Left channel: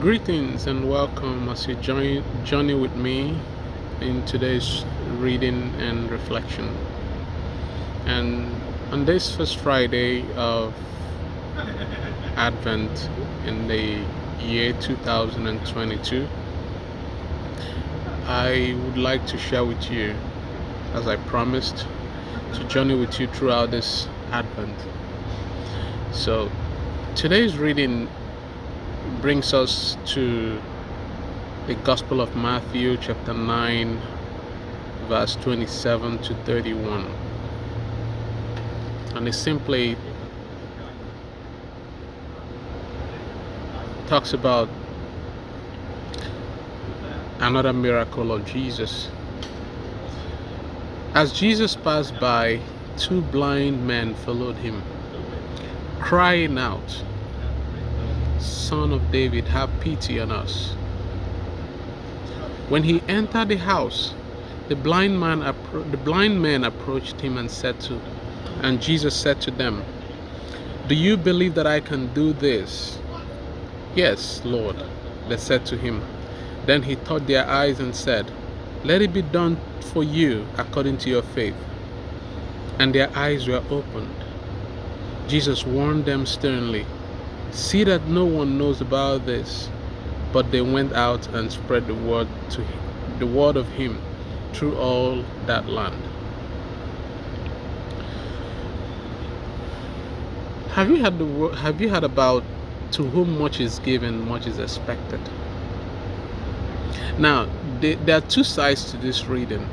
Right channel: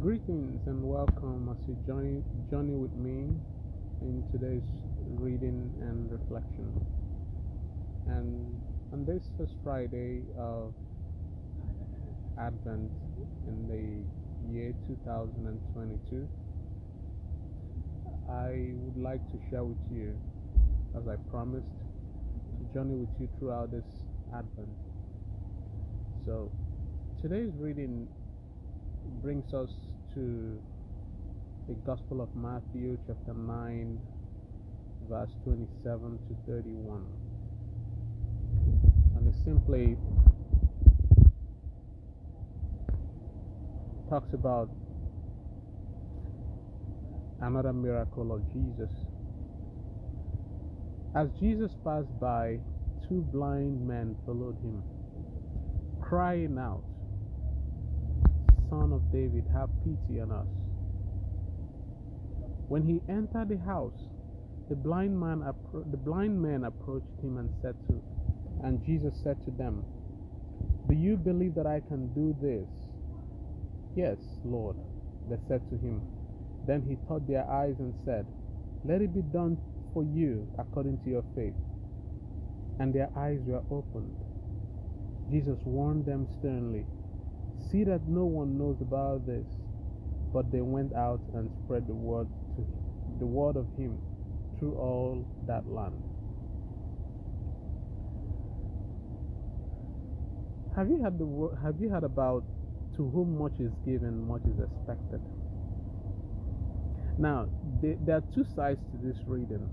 Greetings and welcome as you journey with me in today's reading and reflection. And on this first Friday of Advent in the year 2022, I would like to share with you, as I promised, to journey with you throughout this Advent. So today's reading brings us to the Gospel of Matthew, chapter 9, verse 27 to 31. And it simply talks about another miracle of Jesus. As Jesus passed by, two blind men followed him, crying out, "Son of David, have pity on us." When he entered the house, the blind men approached him and Jesus said to them, "Do you believe that I can do this?" "Yes, Lord," they said to him. Then he touched their eyes and said, "Let it be done for you according to your faith." And their eyes were opened. Jesus warned them sternly, "See that no one knows about this." But they went out and spread the word of him through all that land. Have you heard about to whom much is given, much is expected? Now, there are two sides to this reading:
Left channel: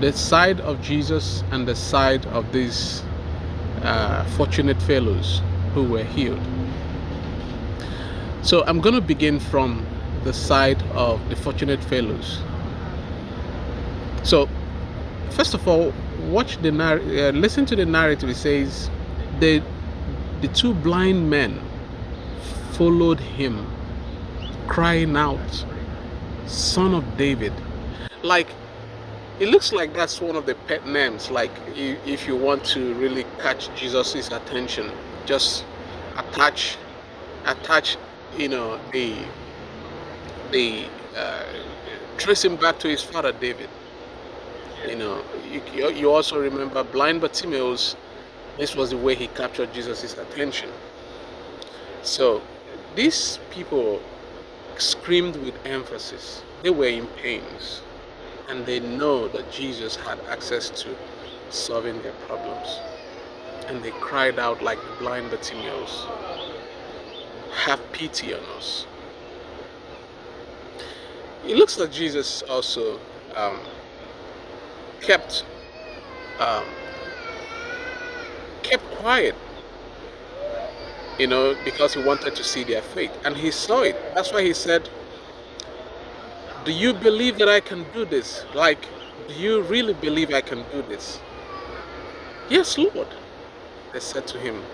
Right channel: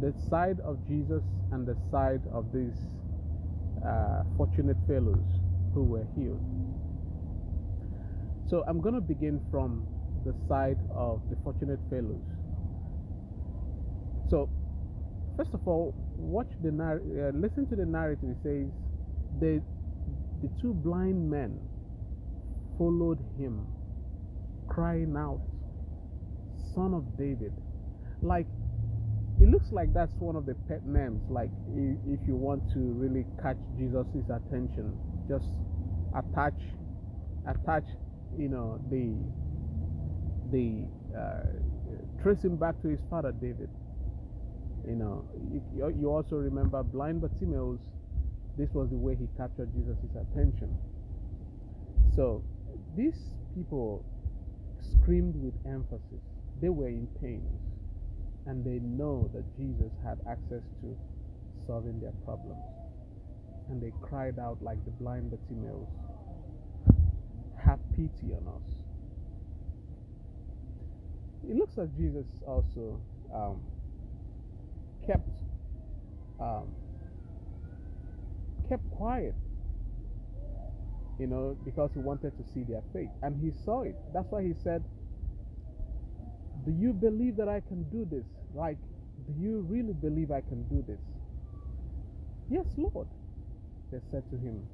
the side of Jesus and the side of these fortunate fellows who were healed. So I'm going to begin from the side of the fortunate fellows. So first of all, listen to the narrative. It says the two blind men followed him, crying out, "Son of David." Like, it looks like that's one of the pet names. Like, if you want to really catch Jesus's attention, just attach the trace him back to his father David. You also remember blind Bartimaeus. This was the way he captured Jesus's attention. So these people screamed with emphasis. They were in pains, and they know that Jesus had access to solving their problems. And they cried out like the blind Bartimaeus, "Have pity on us." It looks like Jesus also kept quiet, because he wanted to see their faith, and he saw it. That's why he said, "Do you believe that I can do this?" Like, do you really believe I can do this? "Yes, Lord," they said to him.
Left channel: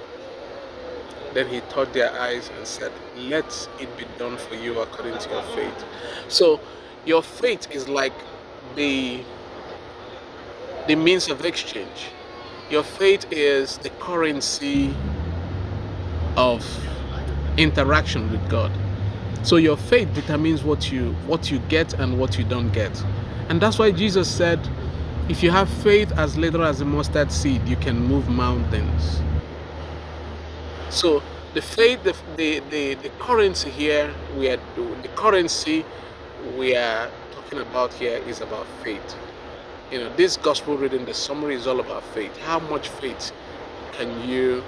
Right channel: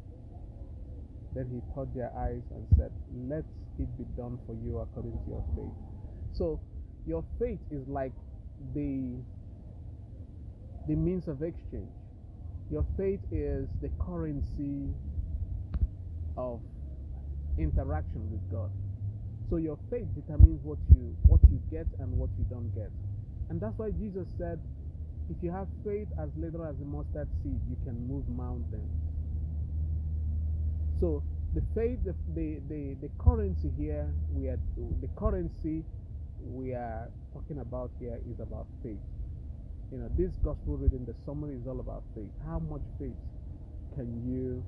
Then he touched their eyes and said, "Let it be done for you according to your faith." So your faith is like the means of exchange. Your faith is the currency of interaction with God. So your faith determines what you get and what you don't get. And that's why Jesus said, if you have faith as little as a mustard seed, you can move mountains. So the faith, the currency here, the currency we are talking about here is about faith. This gospel reading, the summary is all about faith. How much faith can you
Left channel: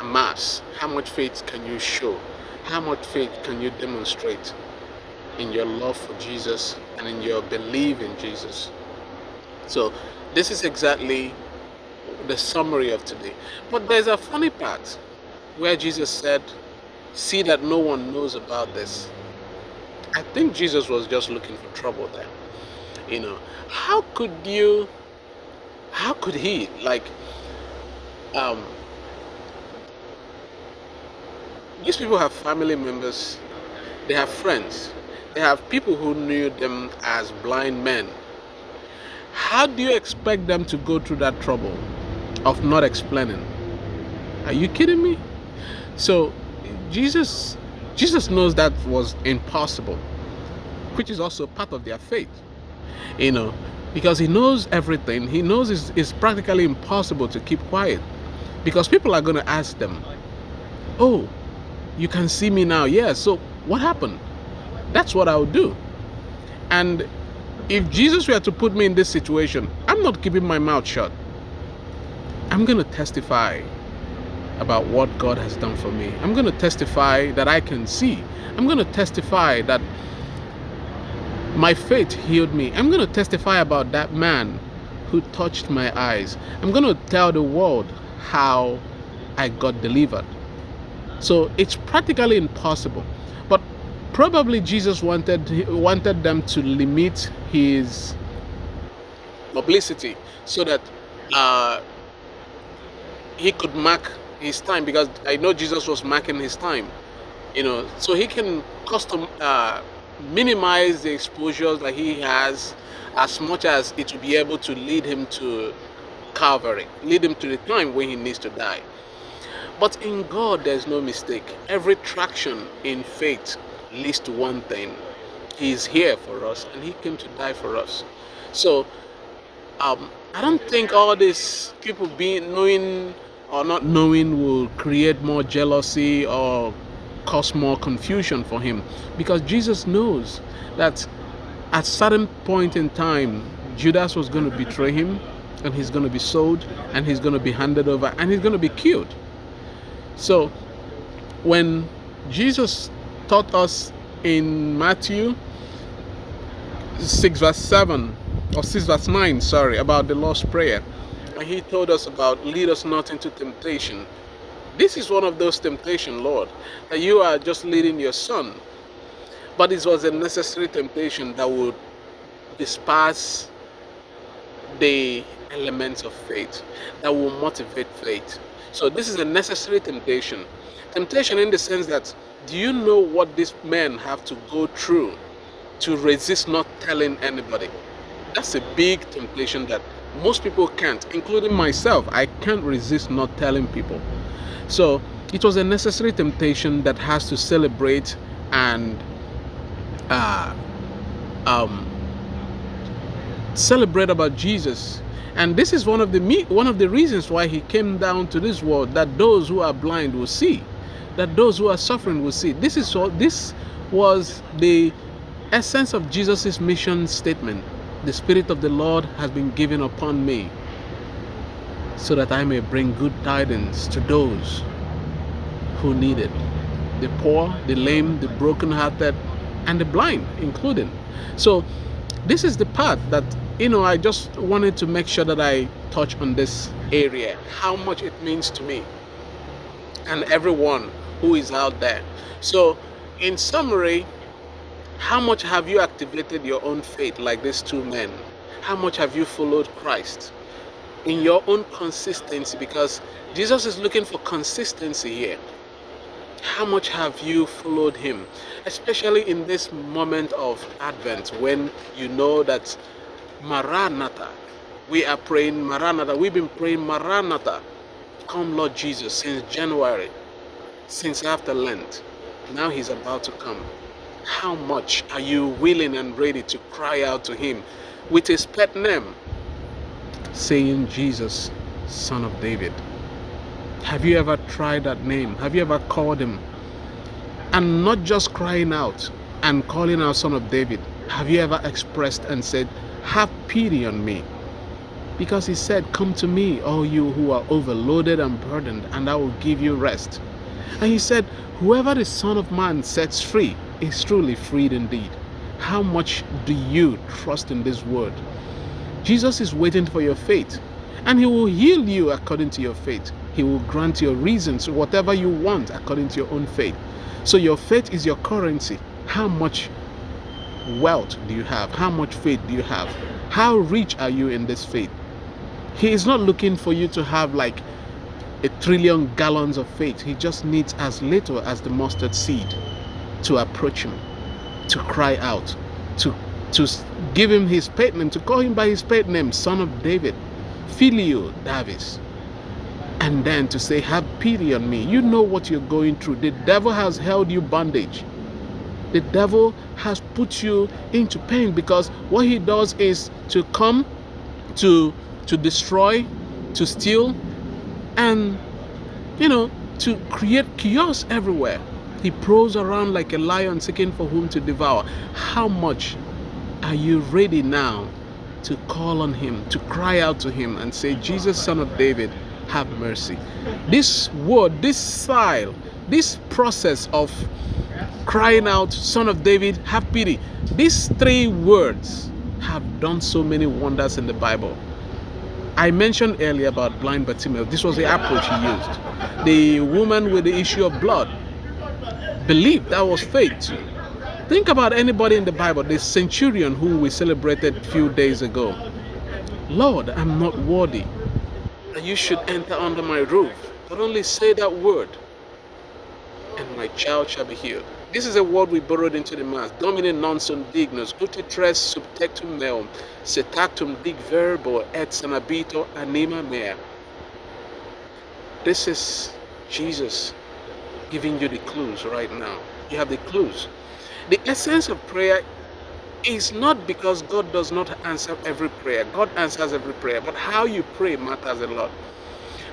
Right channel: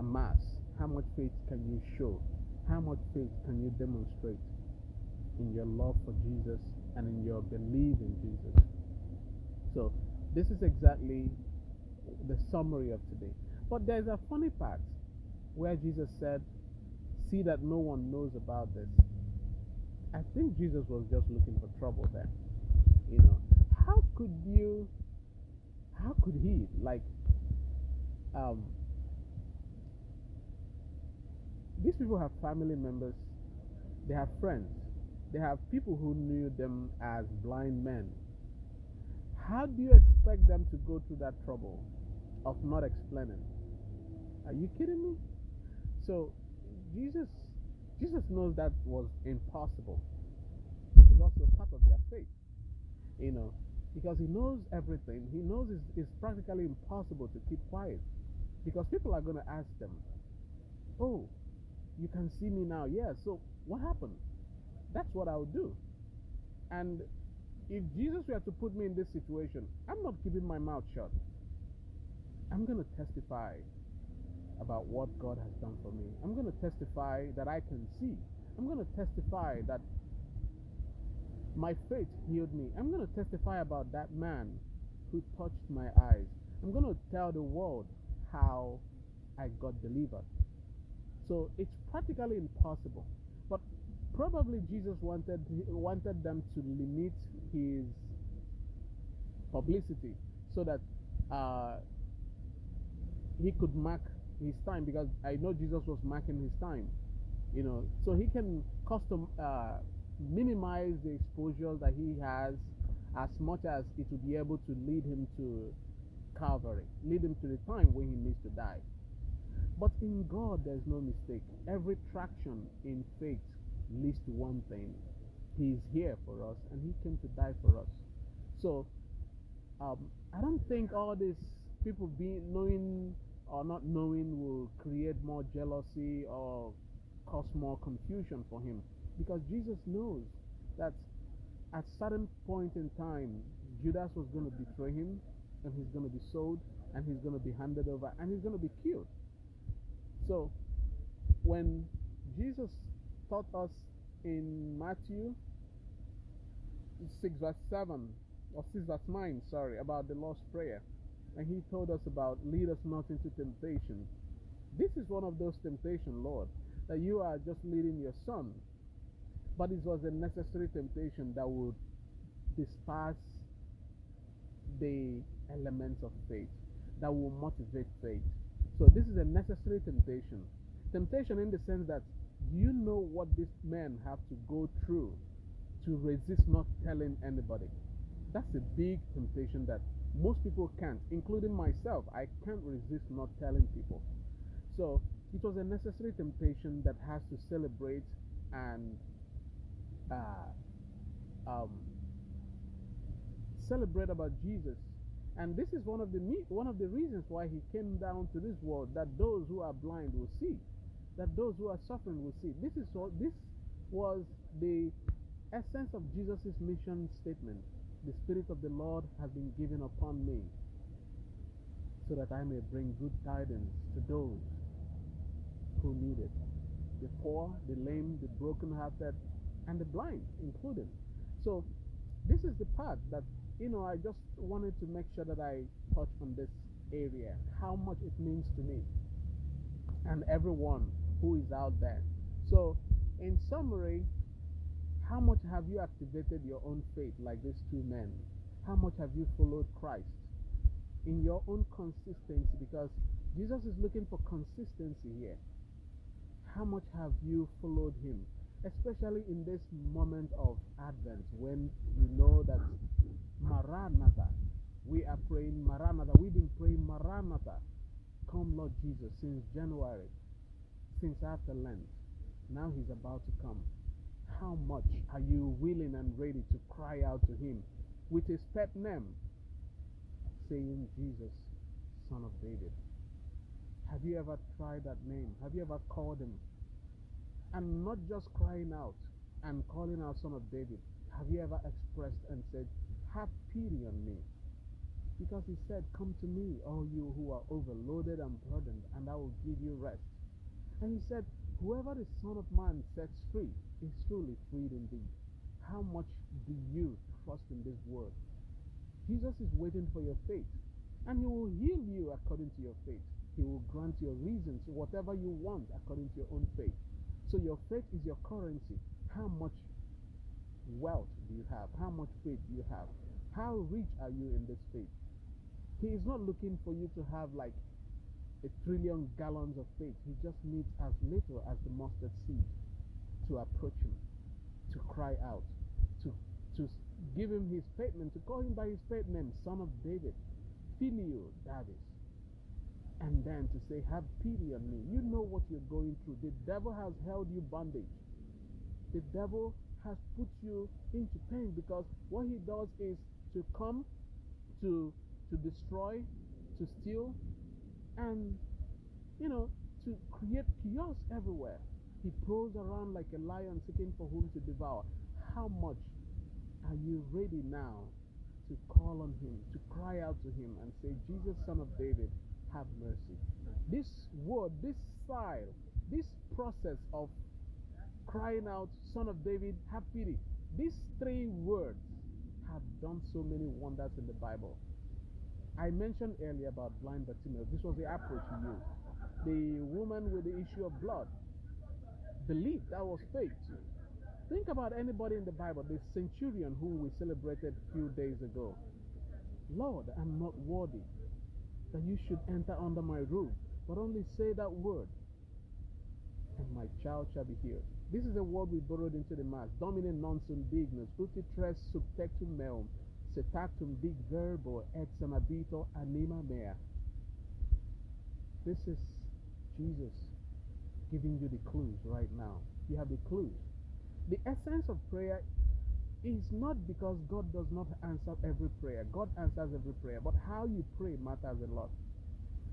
amass? How much faith can you show? How much faith can you demonstrate in your love for Jesus and in your belief in Jesus? So this is exactly the summary of today. But there's a funny part where Jesus said, "See that no one knows about this." I think Jesus was just looking for trouble there. How could he, like, these people have family members, they have friends, they have people who knew them as blind men. How do you expect them to go through that trouble of not explaining? Are you kidding me? So Jesus Jesus knows that was impossible, which is also part of their faith, you know, because he knows everything. He knows it's practically impossible to keep quiet, because people are going to ask them, oh, you can see me now. Yeah, so what happened? That's what I would do. And if Jesus were to put me in this situation, I'm not keeping my mouth shut. I'm going to testify about what God has done for me. I'm going to testify that I can see. I'm going to testify that my faith healed me. I'm going to testify about that man who touched my eyes. I'm going to tell the world how I got delivered. So it's practically impossible. But probably Jesus wanted them to limit his publicity so that he could mark his time, because I know Jesus was marking his time, so he can minimize the exposures that he has as much as it will be able to lead him to Calvary, lead him to the time when he needs to die. But in God, there's no mistake. Every traction in faith leads to one thing. He's here for us, and he came to die for us. So I don't think all these people being knowing or not knowing will create more jealousy or cause more confusion for him, because Jesus knows that at a certain point in time, Judas was going to betray him, and he's going to be sold, and he's going to be handed over, and he's going to be killed. So when Jesus taught us in Matthew 6 verse 7 or 6 verse 9, about the Lord's Prayer, and he told us about lead us not into temptation. This is one of those temptations, Lord, that you are just leading your son. But it was a necessary temptation that would disperse the elements of faith, that will motivate faith. So this is a necessary temptation. Temptation in the sense that, do you know what these men have to go through to resist not telling anybody? That's a big temptation that most people can't, including myself. I can't resist not telling people. So it was a necessary temptation that has to celebrate and celebrate about Jesus. And this is one of the reasons why he came down to this world, that those who are blind will see, that those who are suffering will see. This was the essence of Jesus' mission statement. The Spirit of the Lord has been given upon me, so that I may bring good tidings to those who need it. The poor, the lame, the brokenhearted, and the blind included. So this is the part that, I just wanted to make sure that I touch on this area, how much it means to me and everyone who is out there. So in summary, how much have you activated your own faith like these two men? How much have you followed Christ in your own consistency? Because Jesus is looking for consistency here. How much have you followed him? Especially in this moment of Advent, when you know that Maranatha, we are praying Maranatha. We've been praying Maranatha, come Lord Jesus, since January, since after Lent. Now he's about to come. How much are you willing and ready to cry out to him with his pet name, saying, Jesus, Son of David? Have you ever tried that name? Have you ever called him? And not just crying out and calling out Son of David. Have you ever expressed and said, have pity on me? Because he said, come to me, all you who are overloaded and burdened, and I will give you rest. And he said, whoever the Son of Man sets free is truly freed indeed. How much do you trust in this word? Jesus is waiting for your faith, and he will heal you according to your faith. He will grant your reasons, whatever you want, according to your own faith. So your faith is your currency. How much wealth do you have? How much faith do you have? How rich are you in this faith? He is not looking for you to have like 1 trillion gallons of faith. He just needs as little as the mustard seed to approach him, to cry out, to give him his pet name, to call him by his pet name, Son of David, Filio Davis. and then to say, have pity on me. You know what you're going through. The devil has held you bondage. The devil has put you into pain, because what he does is to come to destroy, to steal, and to create chaos everywhere. He prowls around like a lion seeking for whom to devour. How much are you ready now to call on him, to cry out to him and say, Jesus, Son of David, have mercy? This word, this style, this process of crying out, Son of David, have pity, these 3 words have done so many wonders in the Bible. I mentioned earlier about blind Bartimaeus. This was the approach he used. The woman with the issue of blood believed. That was faith. Think about anybody in the Bible. The centurion who we celebrated a few days ago. Lord, I'm not worthy that you should enter under my roof, but only say that word, and my child shall be healed. This is a word we borrowed into the Mass. Domine non sum dignus, uti tres subtectum meum, setactum dig verbo et sanabito anima mea. This is Jesus giving you the clues right now. You have the clues. The essence of prayer is not because God does not answer every prayer. God answers every prayer, but how you pray matters a lot.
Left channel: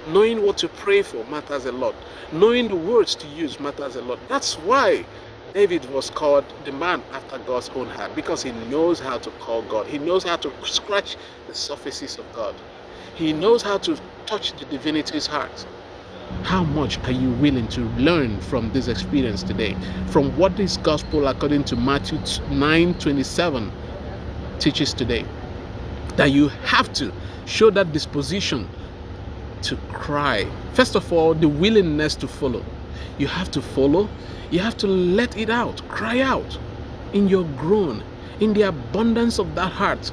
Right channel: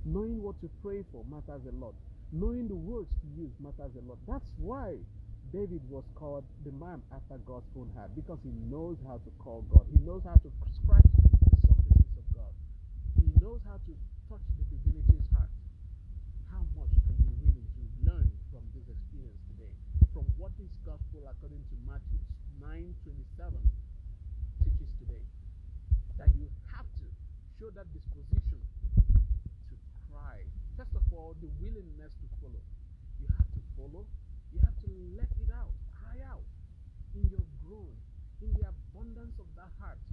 Knowing what to pray for matters a lot. Knowing the words to use matters a lot. That's why David was called the man after God's own heart, because he knows how to call God. He knows how to scratch the surfaces of God. He knows how to touch the divinity's heart. How much are you willing to learn from this experience today? From what this gospel, according to Matthew 9:27, teaches today? That you have to show that disposition to cry. First of all, the willingness to follow. You have to follow. You have to let it out. Cry out in your groan, in the abundance of that heart.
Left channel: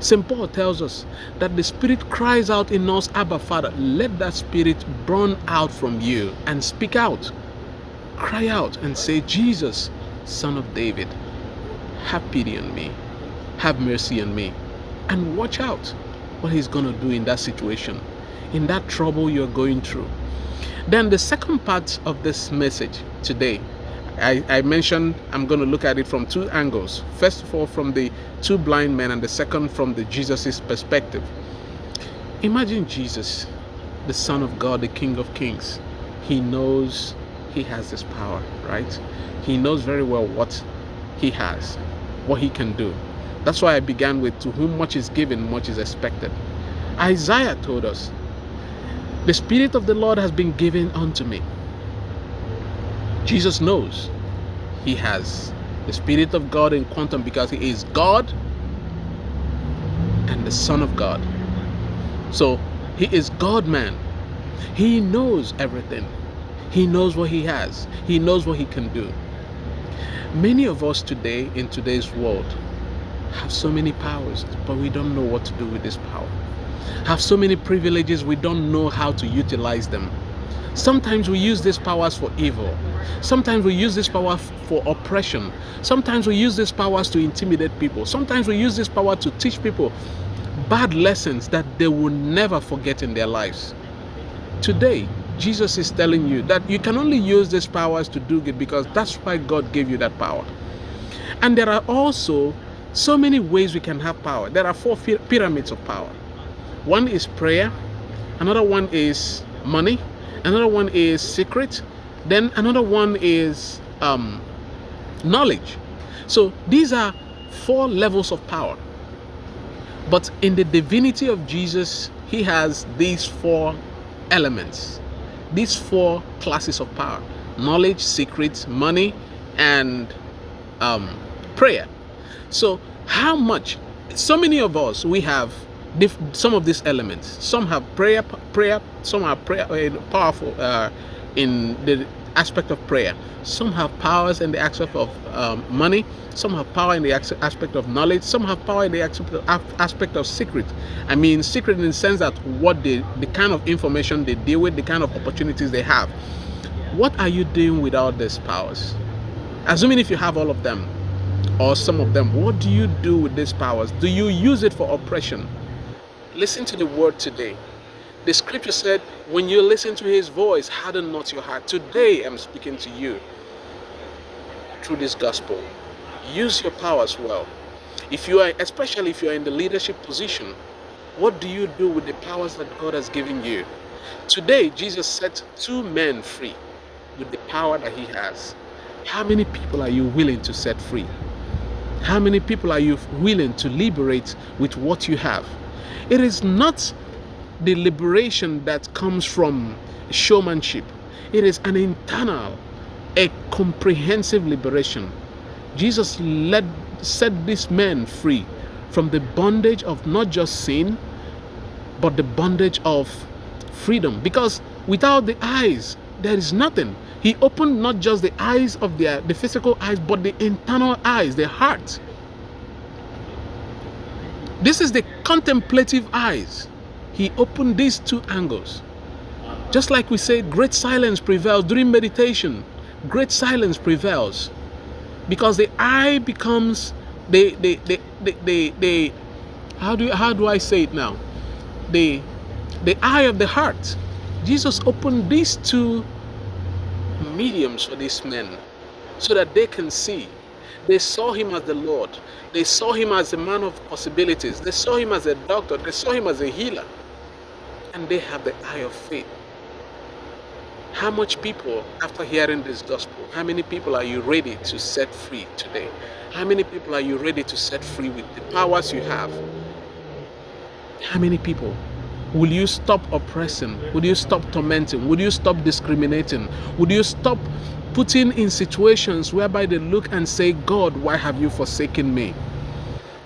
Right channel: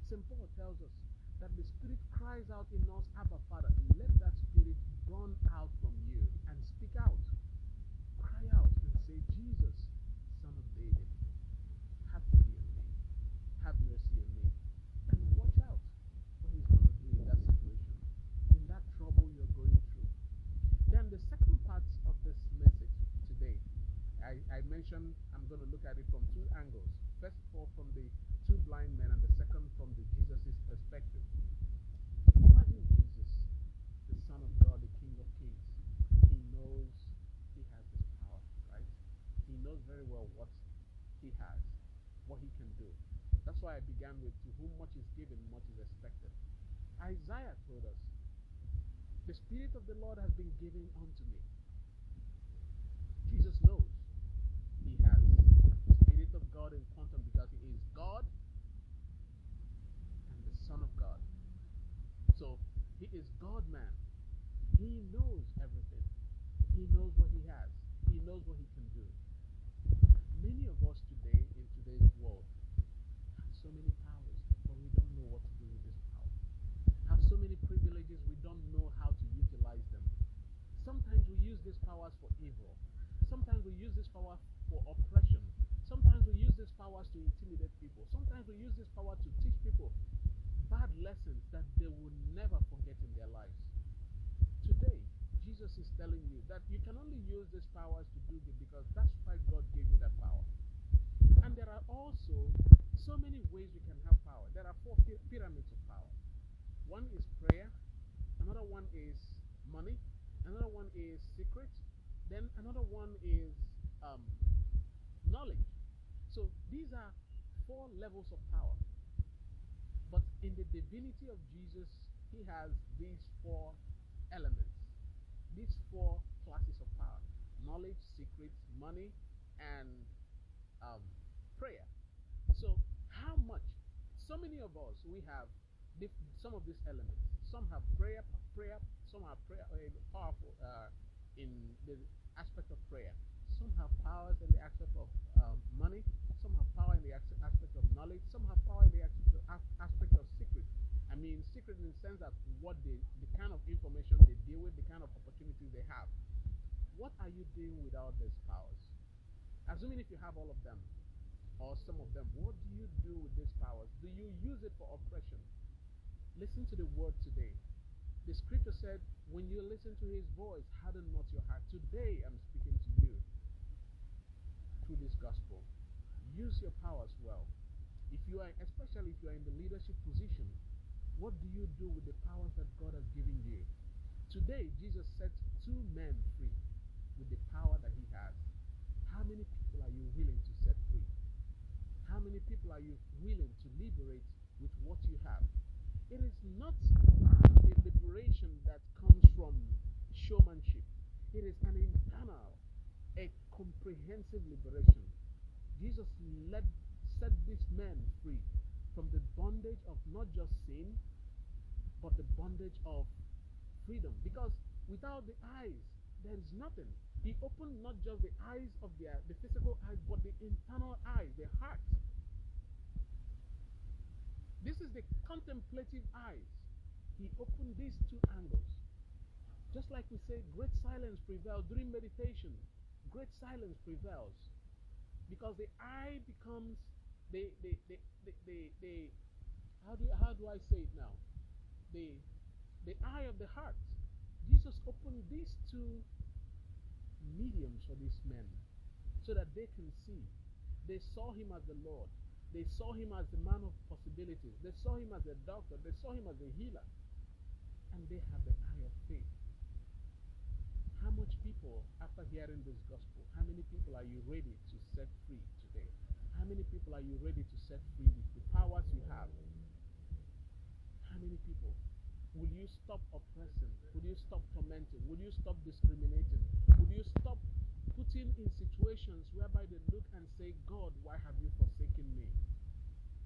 St. Paul tells us that the Spirit cries out in us, Abba, Father. Let that Spirit burn out from you and speak out. Cry out and say, Jesus, Son of David, have pity on me. Have mercy on me. And watch out what he's going to do in that situation, in that trouble you're going through. Then the second part of this message today, I mentioned I'm going to look at it from 2 angles. First of all, from the 2 blind men, and the second from the Jesus' perspective. Imagine Jesus, the Son of God, the King of Kings. He knows he has this power, right? He knows very well what he has, what he can do. That's why I began with, to whom much is given, much is expected. Isaiah told us, the Spirit of the Lord has been given unto me. Jesus knows he has the Spirit of God in quantum, because he is God and the Son of God. So he is God-man. He knows everything. He knows what he has. He knows what he can do. Many of us today, in today's world, have so many powers, but we don't know what to do with this power. Have so many privileges, we don't know how to utilize them. Sometimes we use these powers for evil. Sometimes we use this power for oppression. Sometimes we use these powers to intimidate people. Sometimes we use this power to teach people bad lessons that they will never forget in their lives. Today, Jesus is telling you that you can only use these powers to do good, because that's why God gave you that power. And there are also so many ways we can have power. There are 4 pyramids of power. One is prayer. Another one is money. Another one is secret. Then another one is knowledge. So these are 4 levels of power. But in the divinity of Jesus, he has these 4 elements, these 4 classes of power: knowledge, secret, money, and prayer. So how much? So many of us, we have some of these elements. Some have prayer. Some are powerful in the aspect of prayer. Some have powers in the aspect of money. Some have power in the aspect of knowledge. Some have power in the aspect of secret. I mean, secret in the sense that the kind of information they deal with, the kind of opportunities they have. What are you doing with all these powers? Assuming if you have all of them, or some of them, what do you do with these powers? Do you use it for oppression? Listen to the word today. The scripture said, when you listen to his voice, harden not your heart. Today I'm speaking to you through this gospel. Use your powers well. Especially if you are in the leadership position, what do you do with the powers that God has given you? Today, Jesus set 2 men free with the power that he has. How many people are you willing to set free? How many people are you willing to liberate with what you have? It is not the liberation that comes from showmanship. It is an internal, a comprehensive liberation. Jesus set these men free from the bondage of not just sin, but the bondage of freedom. Because without the eyes, there is nothing. He opened not just the eyes of the physical eyes, but the internal eyes, the heart. This is the contemplative eyes. He opened these 2 angles. Just like we say, great silence prevails during meditation. Great silence prevails. Because the eye becomes how do I say it now? The eye of the heart. Jesus opened these 2 mediums for these men so that they can see. They saw him as the Lord. They saw him as a man of possibilities. They saw him as a doctor. They saw him as a healer. And they have the eye of faith. How much people, after hearing this gospel, how many people are you ready to set free today? How many people are you ready to set free with the powers you have? How many people? Will you stop oppressing? Will you stop tormenting? Will you stop discriminating? Will you stop putting in situations whereby they look and say, God, why have you forsaken me?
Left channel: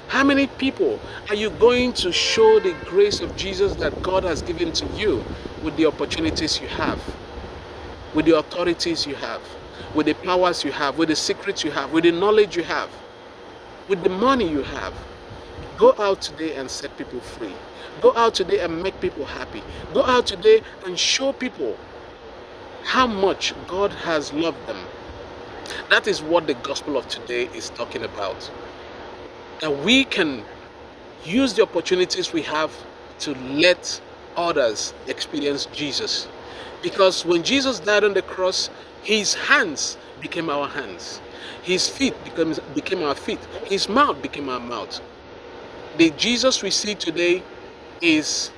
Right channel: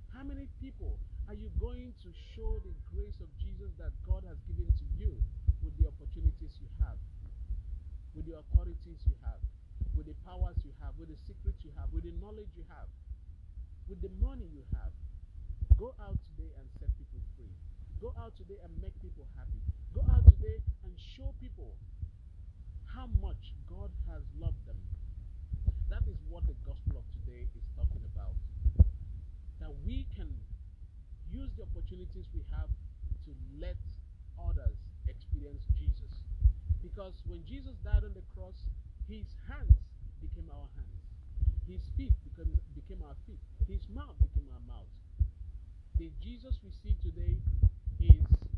How many people are you going to show the grace of Jesus that God has given to you with the opportunities you have, with the authorities you have, with the powers you have, with the secrets you have, with the knowledge you have, with the money you have? Go out today and set people free. Go out today and make people happy. Go out today and show people how much God has loved them. That is what the gospel of today is talking about. That we can use the opportunities we have to let others experience Jesus. Because when Jesus died on the cross, his hands became our hands. His feet became our feet. His mouth became our mouth. The Jesus we see today is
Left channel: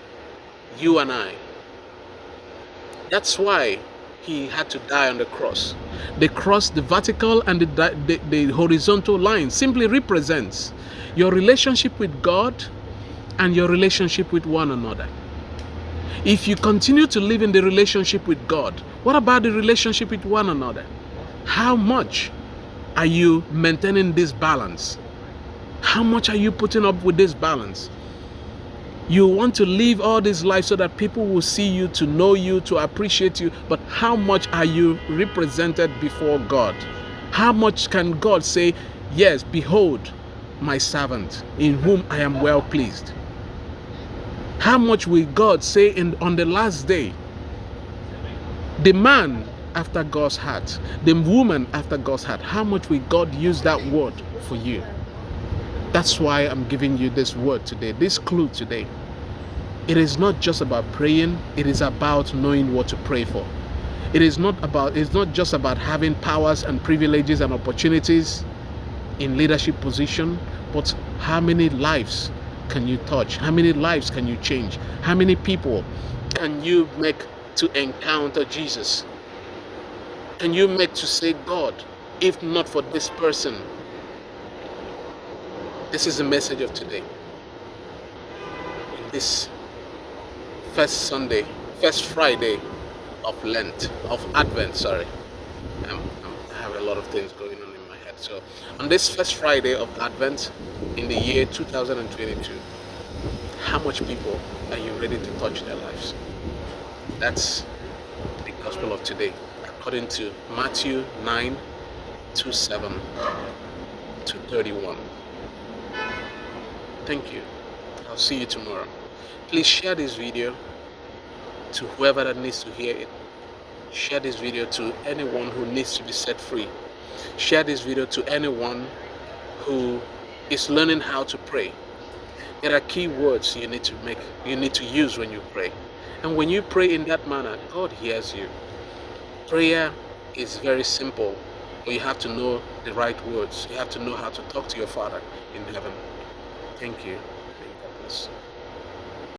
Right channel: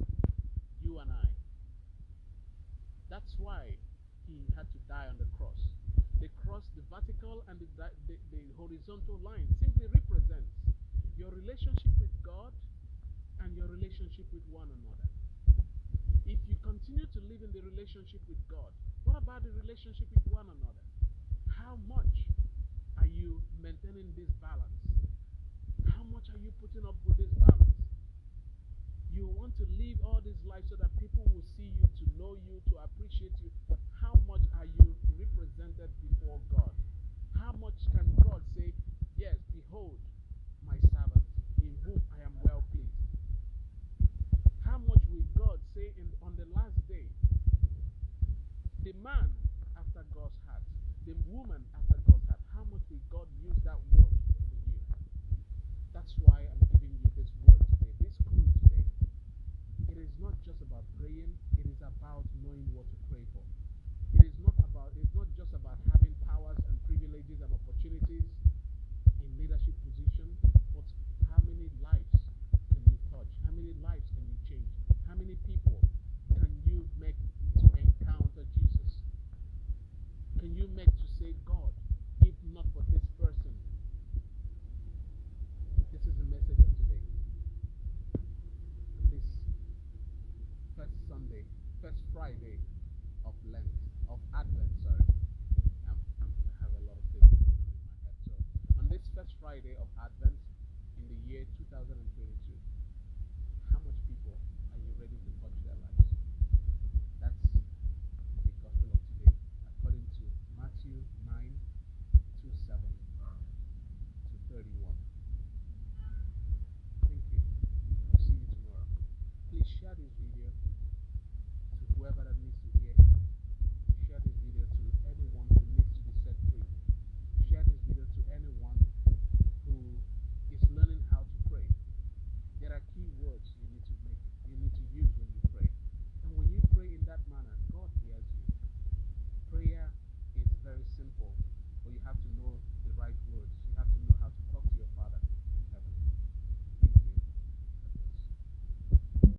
you and I. That's why he had to die on the cross. The cross, the vertical and the horizontal line simply represents your relationship with God and your relationship with one another. If you continue to live in the relationship with God, what about the relationship with one another? How much are you maintaining this balance? How much are you putting up with this balance? You want to live all this life so that people will see you, to know you, to appreciate you, but how much are you represented before God? How much can God say, yes, behold my servant in whom I am well pleased? How much will God say on the last day, the man after God's heart, the woman after God's heart? How much will God use that word for you? That's why I'm giving you this word today, this clue today. It is not just about praying, it is about knowing what to pray for. It's not just about having powers and privileges and opportunities in leadership position, but how many lives can you touch? How many lives can you change? How many people can you make to encounter Jesus? Can you make to say, God, if not for this person? This is the message of today. This first Friday of Advent, I have a lot of things going on in my head. So on this first Friday of Advent in the year 2022, how much people are you ready to touch their lives? That's the gospel of today, according to Matthew 9:27 to 31. Thank you. I'll see you tomorrow. Please share this video to whoever that needs to hear it. Share this video to anyone who needs to be set free. Share this video to anyone who is learning how to pray. There are key words you need to use when you pray. And when you pray in that manner, God hears you. Prayer is very simple, but you have to know the right words. You have to know how to talk to your Father in heaven. Thank you. May God bless.